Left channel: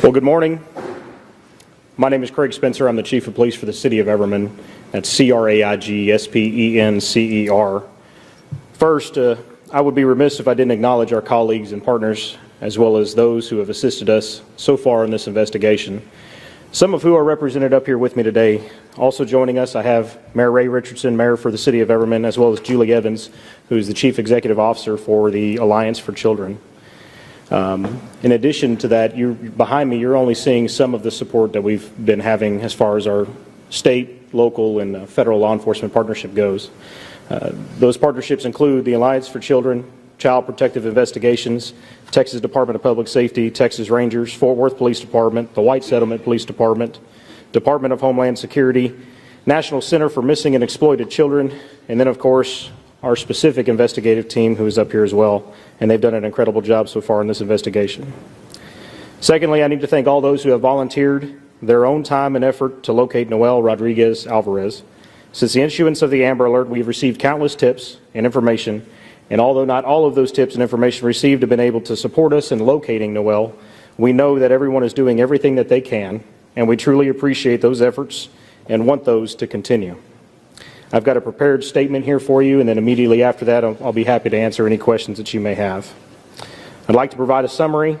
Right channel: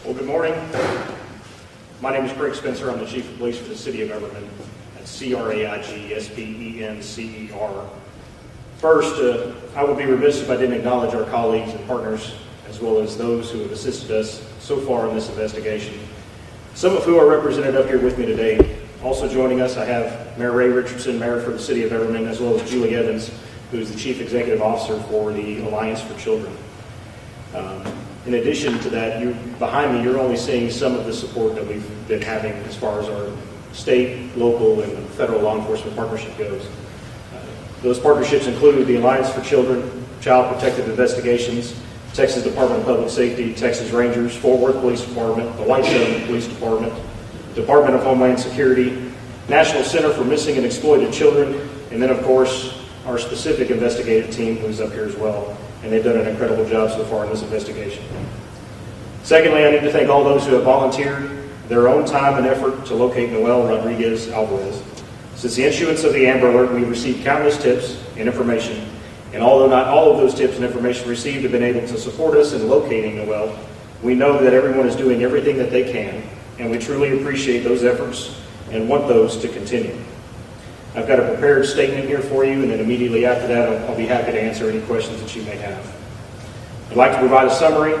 Well, good morning. My name is Craig Spencer. I'm the Chief of Police for the City of Everman. That's C-R-A-I-G-S-P-E-N-C-E-R. First, I would be remiss if I didn't acknowledge our colleagues and partners, as well as those who have assisted us so far in this investigation, some of who are represented up here with me today. Also joining us, I have Mayor Ray Richardson, Mayor for the City of Everman, as well as Julie Evans, who is the Chief Executive Officer for the Alliance for Children. In addition to that, behind me, you're only seeing some of the support that we've been having as far as our state, local, and federal law enforcement partnership goes. Those partnerships include the Alliance for Children, Child Protective Investigations, Texas Department of Public Safety, Texas Rangers, Fort Worth Police Department, the White Settlement Police Department, Department of Homeland Security, National Center for Missing and Exploited Children, and then, of course, our specific investigative team who is up here as well. And they've done an incredible job so far in this investigation. Secondly, I need to thank all those who have volunteered their own time and effort to locate Noel Rodriguez Alvarez. Since the issuance of the Amber Alert, we've received countless tips and information, and although not all of those tips and information received have been able to support us in locating Noel, we know that everyone is doing everything that they can, and we truly appreciate those efforts and want those to continue. I've got a prepared statement here for you, and then immediately after that, I'll be happy to answer any questions that you may have. I'd like to provide a summary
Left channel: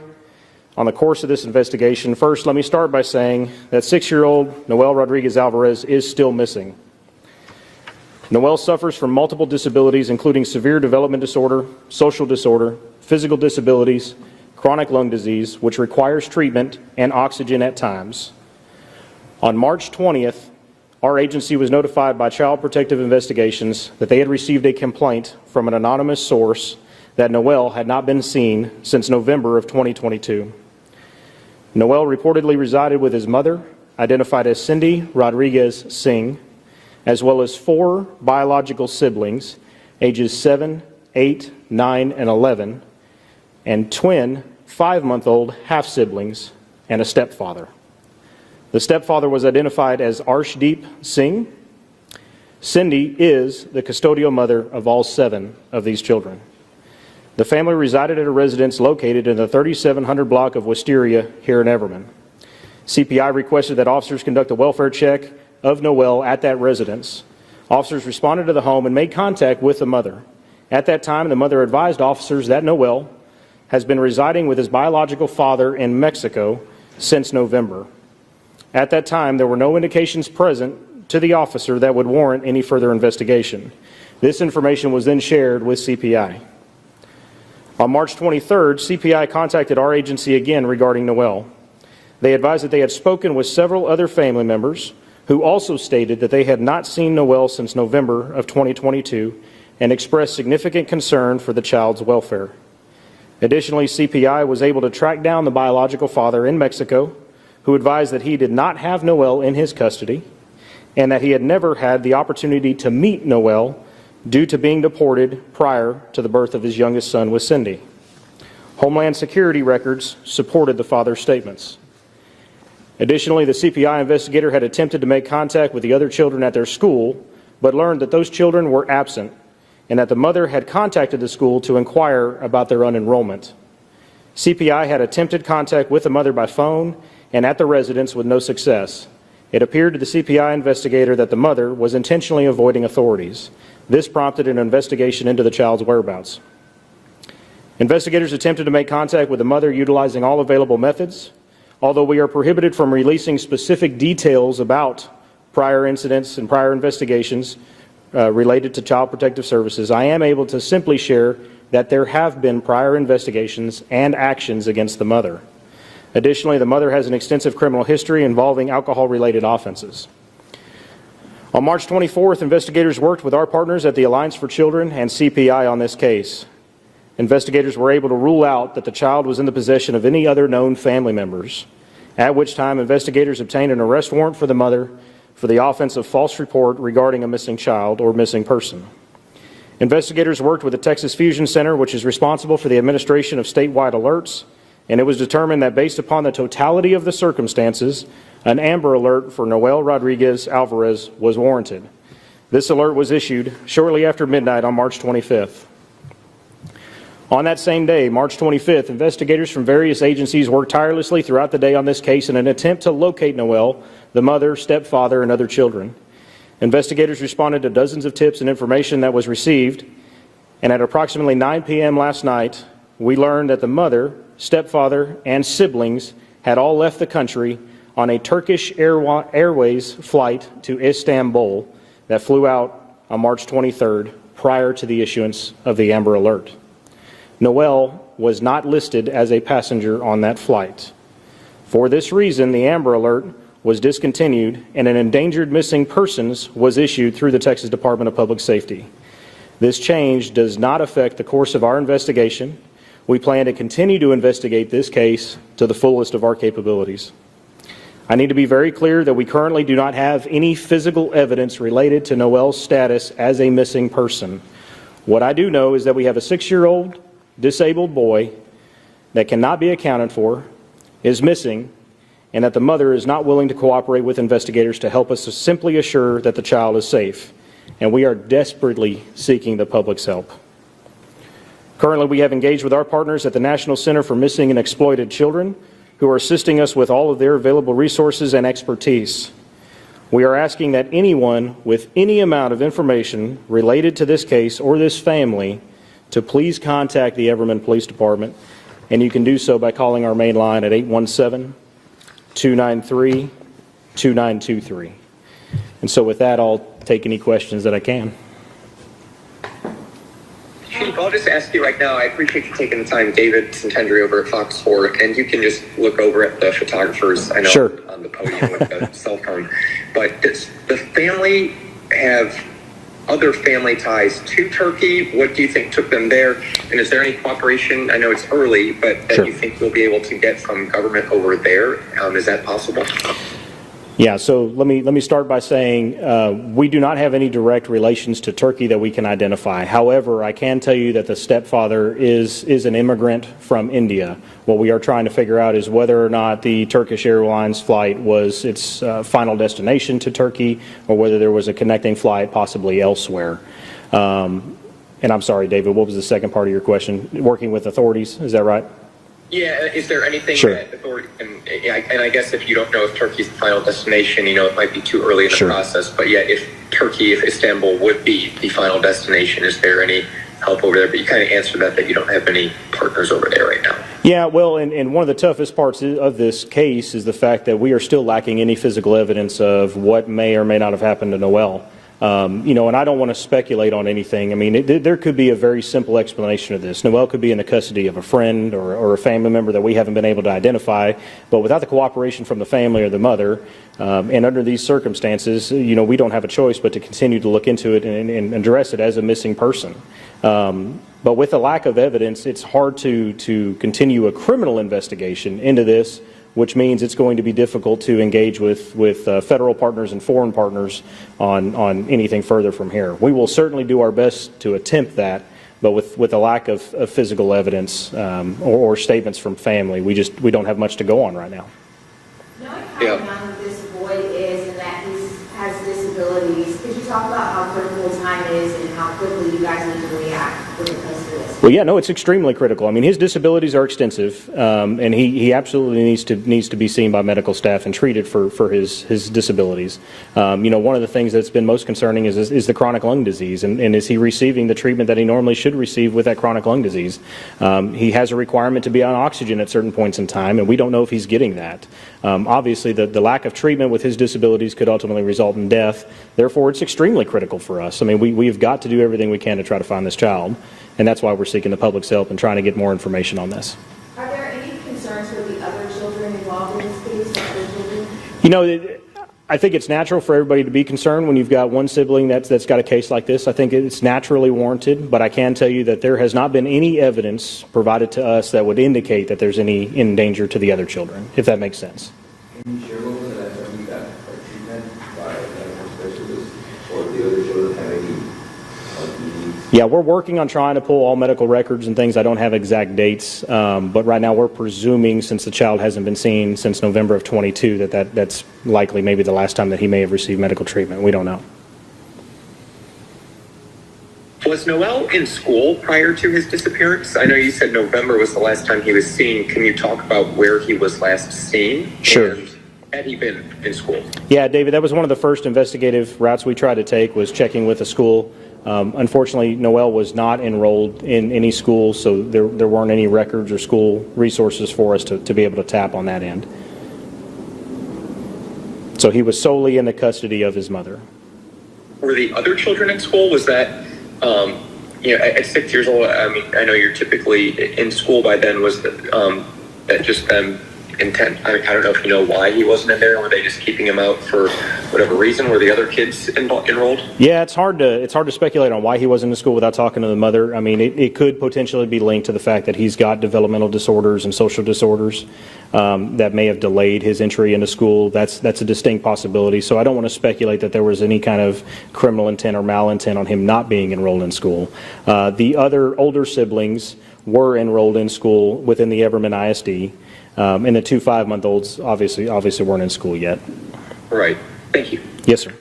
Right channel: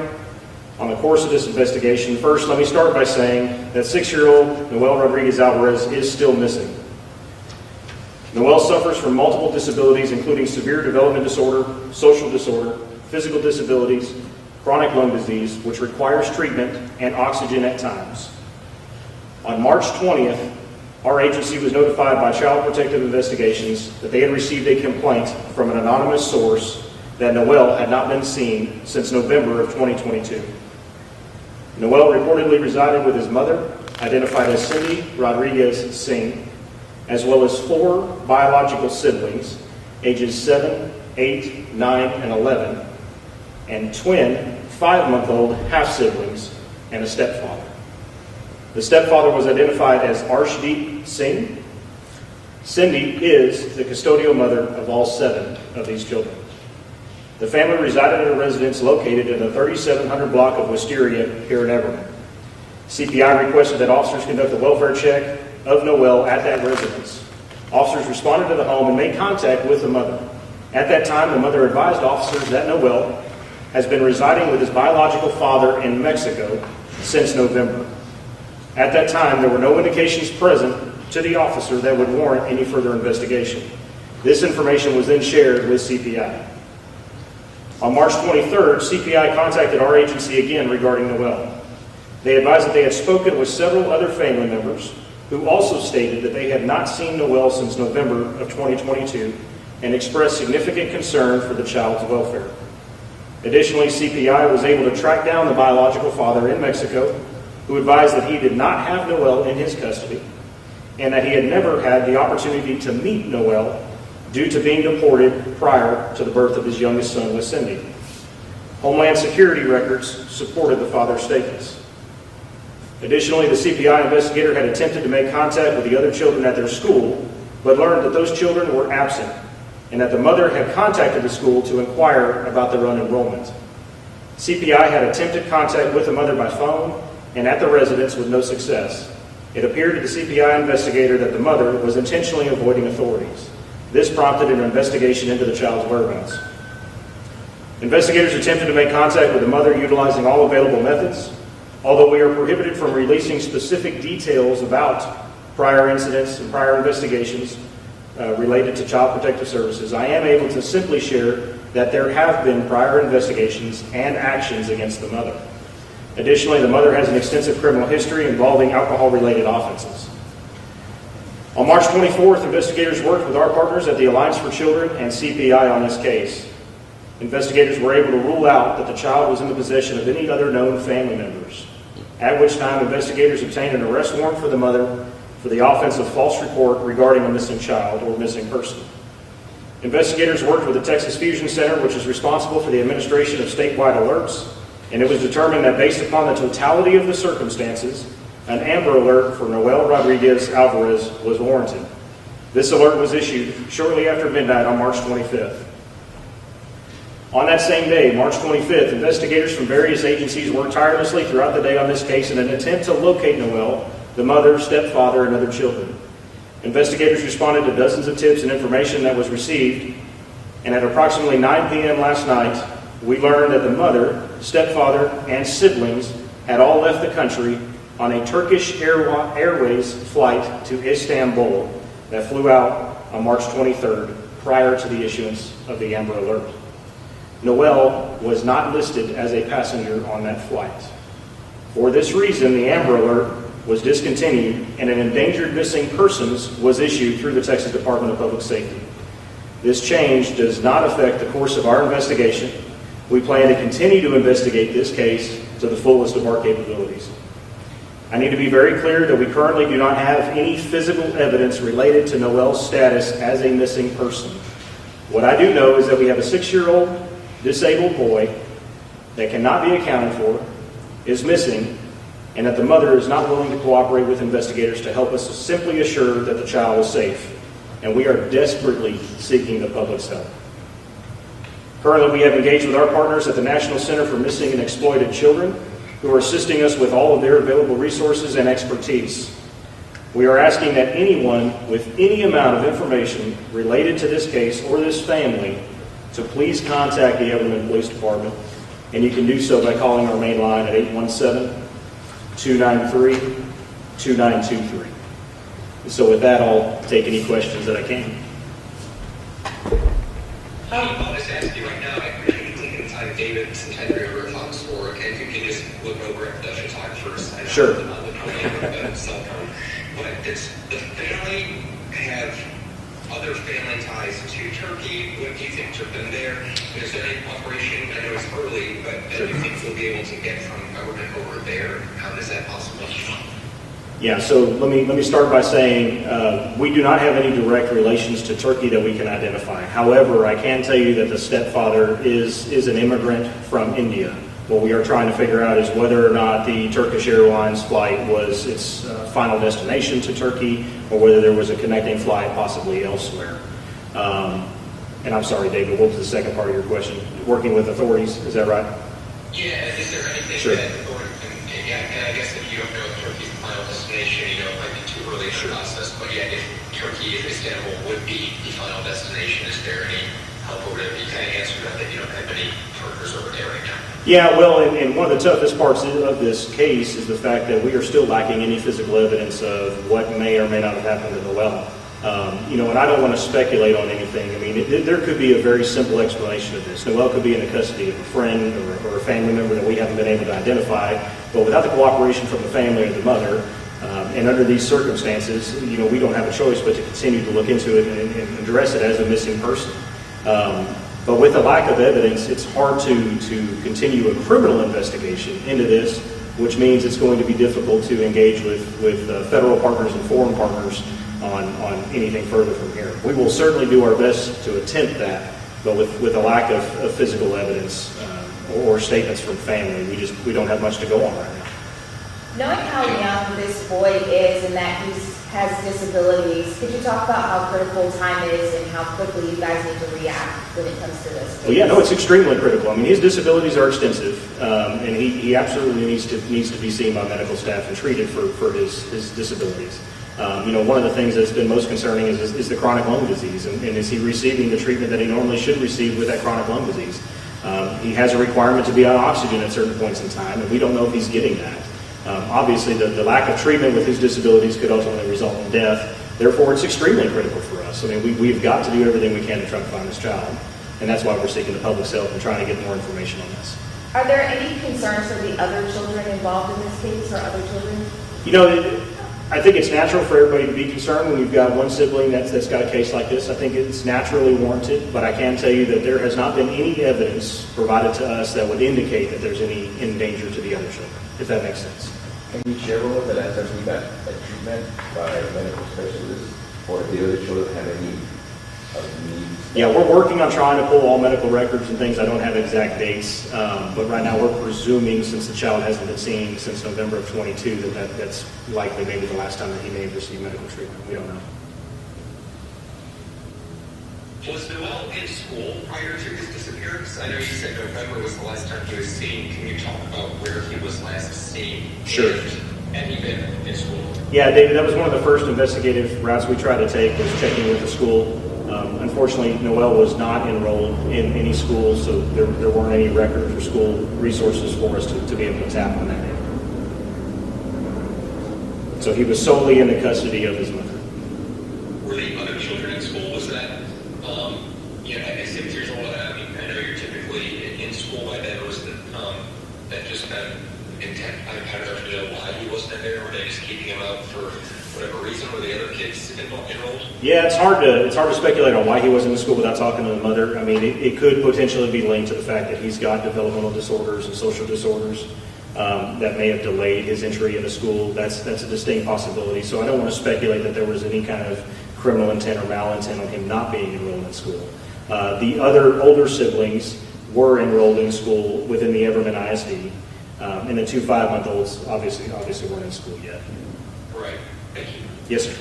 on the course of this investigation. First, let me start by saying that 6-year-old Noel Rodriguez Alvarez is still missing. Noel suffers from multiple disabilities, including severe development disorder, social disorder, physical disabilities, chronic lung disease, which requires treatment and oxygen at times. On March 20th, our agency was notified by Child Protective Investigations that they had received a complaint from an anonymous source that Noel had not been seen since November of 2022. Noel reportedly resided with his mother, identified as Cindy Rodriguez Singh, as well as 4 biological siblings, ages 7, 8, 9, and 11, and twin 5-month-old half-siblings, and a stepfather. The stepfather was identified as Arshdeep Singh. Cindy is the custodial mother of all 7 of these children. The family resided at a residence located in the 3700 block of Wisteria here at Everman. CPI requested that officers conduct a welfare check of Noel at that residence. Officers responded to the home and made contact with the mother. At that time, the mother advised officers that Noel has been residing with his biological father in Mexico since November. At that time, there were no indications present to the officer that would warrant any further investigation. This information was then shared with CPI. On March 23rd, CPI contacted our agency again regarding Noel. They advised that they had spoken with several other family members who also stated that they had not seen Noel since November of 2022 and expressed significant concern for the child's welfare. Additionally, CPI was able to track down the biological father in Mexico, who advised that he did not have Noel in his custody and that he had never had the opportunity to meet Noel due to being deported prior to the birth of his youngest son with Cindy. Homeland Security records supported the father's statements. Additionally, the CPI investigator had attempted to make contact with the other children at their school, but learned that those children were absent and that the mother had contacted the school to inquire about their unenrollment. CPI had attempted contact with the mother by phone and at the residence with no success. It appeared to the CPI investigator that the mother was intentionally avoiding authorities. This prompted an investigation into the child's whereabouts. Investigators attempted to make contact with the mother utilizing all available methods. Although we are prohibited from releasing specific details about prior incidents and prior investigations related to Child Protective Services, I am able to simply share that there have been prior investigations and actions against the mother. Additionally, the mother has an extensive criminal history involving alcohol-related offenses. On March 24th, investigators worked with our partners at the Alliance for Children and CPI on this case. Investigators were able to rule out that the child was in the possession of any other known family members, at which time investigators obtained an arrest warrant for the mother for the offense of false report regarding a missing child or missing person. Investigators worked with the Texas Fusion Center, which is responsible for the administration of statewide alerts, and it was determined that based upon the totality of the circumstances, an Amber Alert for Noel Rodriguez Alvarez was warranted. This alert was issued shortly after midnight on March 25th. On that same day, March 25th, investigators from various agencies worked tirelessly throughout the day on this case in an attempt to locate Noel, the mother, stepfather, and other children. Investigators responded to dozens of tips and information that was received, and at approximately 9 p.m. last night, we learned that the mother, stepfather, and siblings had all left the country on a Turkish Airways flight to Istanbul that flew out on March 23rd prior to the issuance of the Amber Alert. Noel was not listed as a passenger on that flight. For this reason, the Amber Alert was discontinued and an endangered missing persons was issued through the Texas Department of Public Safety. This change does not affect the course of our investigation. We plan to continue to investigate this case to the fullest of our capabilities. I need to be very clear that we currently do not have any physical evidence related to Noel's status as a missing person. What I do know is that we have a 6-year-old disabled boy that cannot be accounted for, is missing, and that the mother is not willing to cooperate with investigators to help us to simply assure that the child is safe. And we are desperately seeking the public's help. Currently, we have engaged with our partners at the National Center for Missing and Exploited Children, who are assisting us with all of their available resources and expertise. We are asking that anyone with any amount of information related to this case or this family to please contact the Everman Police Department, and you can do so by calling our main line at 817-293-2923. And so with that, I'll take any questions that I can. I'll just ask you right now, I appreciate you taking the time, David Centendry over at Fox 4, and you can just look over at the photographers. I know sure. On the podium with the cell phone. But does the family have other family ties to Turkey? What do you think took them there? And is there any cooperation? I know it's early, but that Sure. you think we'll be able to get from government over there? Is that possible? Yeah, so let me start by saying we do not have any direct relations to Turkey that we can identify. However, I can tell you that the stepfather is an immigrant from India. What we are trying to figure out is whether or not the Turkish Airlines flight was its final destination to Turkey, or whether there was a connecting flight possibly elsewhere. And I'm sorry, David, what was the second part of your question? Working with authorities, is that right? Yeah, is there anything Sure. that authority can, and I guess if you don't know if Turkey's the final destination, it might be too early in the Sure. process, but yeah, if Istanbul would be the final destination, is there any help over there? But you kind of answered that you don't have any partners over there right now. Yeah, well, and one of the toughest parts of this case is the fact that we are still lacking any physical evidence of what may or may not have happened to Noel. And I don't want to speculate on anything. I mean, there could be a very simple explanation of this. Noel could be in the custody of a friend or a family member that we haven't been able to identify, but without the cooperation from the family or the mother, and under these circumstances, we don't have a choice but to continue to look into it and address it as a missing person. But with a lack of evidence, it's hard to continue a criminal investigation into this, which means it's going to be difficult to engage with federal partners and foreign partners on anything further from here. We will certainly do our best to attempt that, but with a lack of physical evidence or statements from family, we don't have much to go on right now. Knowing how young this boy is and that he has disabilities, could you talk about how critical time is and how quickly you guys need to react when it comes to this? Well, yeah, no, it's extremely critical. I mean, his disabilities are extensive, and he absolutely needs to be seen by medical staff and treated for his disabilities. One of the things that's been most concerning is the chronic lung disease, and is he receiving the treatment that he normally should receive with that chronic lung disease? He has a requirement to be on oxygen at certain points in time, and we don't know if he's getting that. Obviously, the lack of treatment with his disabilities could ultimately result in death. Therefore, it's extremely critical for us. I mean, we've got to do everything we can to try to find this child, and that's why we're seeking the public's help and trying to get more information on this. Are there any concerns for the other children involved in this case or other children? I think it's natural for everybody to be concerned when you've got one sibling that's got a case like this. I think it's naturally warranted, but I can tell you that there has not been any evidence provided to us that would indicate that there's any in danger to the other children, if that makes sense. Can you share with us the last time you got a treatment by a medical specialist, or the other children have any needs? Yeah, we're working on trying to pull all medical records and things. I don't have exact dates, but right now we're presuming, since the child hasn't been seen since November of 22, that's likely maybe the last time that he may have received medical treatment. We don't know. Was Noel in school prior to his disappearance? I know you said November was the last time he was seen. Can you talk about where he was last seen? Sure. And had he been in school? Yeah, David, that was one of the first investigative routes we tried to take, was checking with the school. Unfortunately, Noel was not enrolled in any school, so there weren't any records or school resources for us to be able to tap on that end. So he was solely in the custody of his mother. Were the other children in school? Was that, at 6 years old, I mean, I know you're typically in school by then, was that just them intent? I don't know if you know why he wasn't in there. Were they just keeping him out for whatever reason? Were the other kids enrolled? Yeah, it's hard to speculate on why he wasn't in school without talking to the mother. I mean, it could potentially be linked to the fact that he's got developmental disorders and social disorders that may have delayed his entry into school. That's a distinct possibility. So I don't want to speculate that there was any kind of criminal intent or malintent on him not being enrolled in school. The other older siblings were enrolled in school within the Everman ISD. And the 2 5-month-olds obviously weren't in school yet. Right. Thank you. Yes, sir.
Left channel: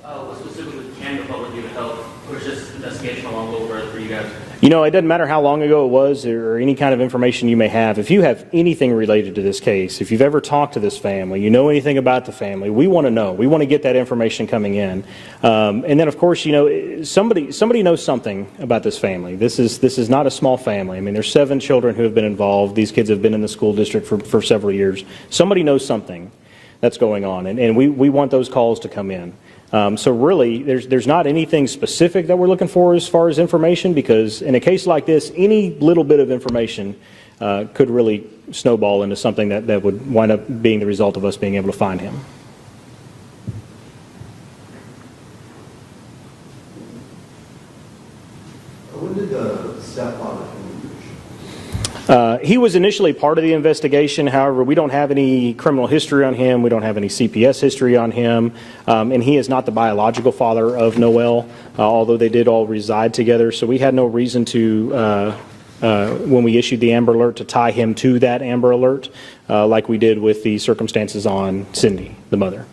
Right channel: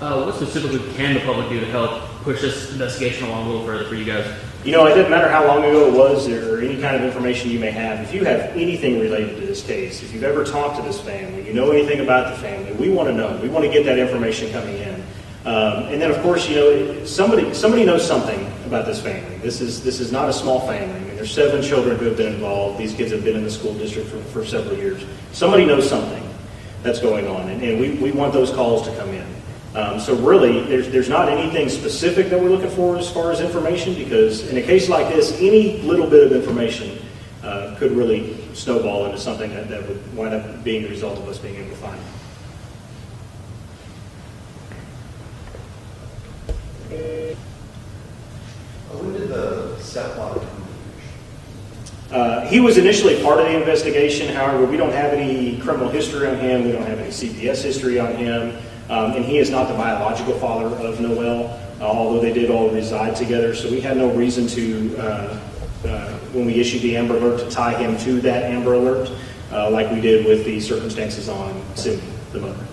What specifically can the public do to help push this investigation along a little further for you guys? You know, it doesn't matter how long ago it was or any kind of information you may have. If you have anything related to this case, if you've ever talked to this family, you know anything about the family, we want to know. We want to get that information coming in. And then, of course, you know, somebody knows something about this family. This is not a small family. I mean, there's 7 children who have been involved. These kids have been in the school district for several years. Somebody knows something that's going on, and we want those calls to come in. So really, there's not anything specific that we're looking for as far as information, because in a case like this, any little bit of information could really snowball into something that would wind up being the result of us being able to find him. When did the stepfather? He was initially part of the investigation. However, we don't have any criminal history on him. We don't have any CPS history on him. And he is not the biological father of Noel, although they did all reside together. So we had no reason to, when we issued the Amber Alert, to tie him to that Amber Alert, like we did with the circumstances on Cindy, the mother.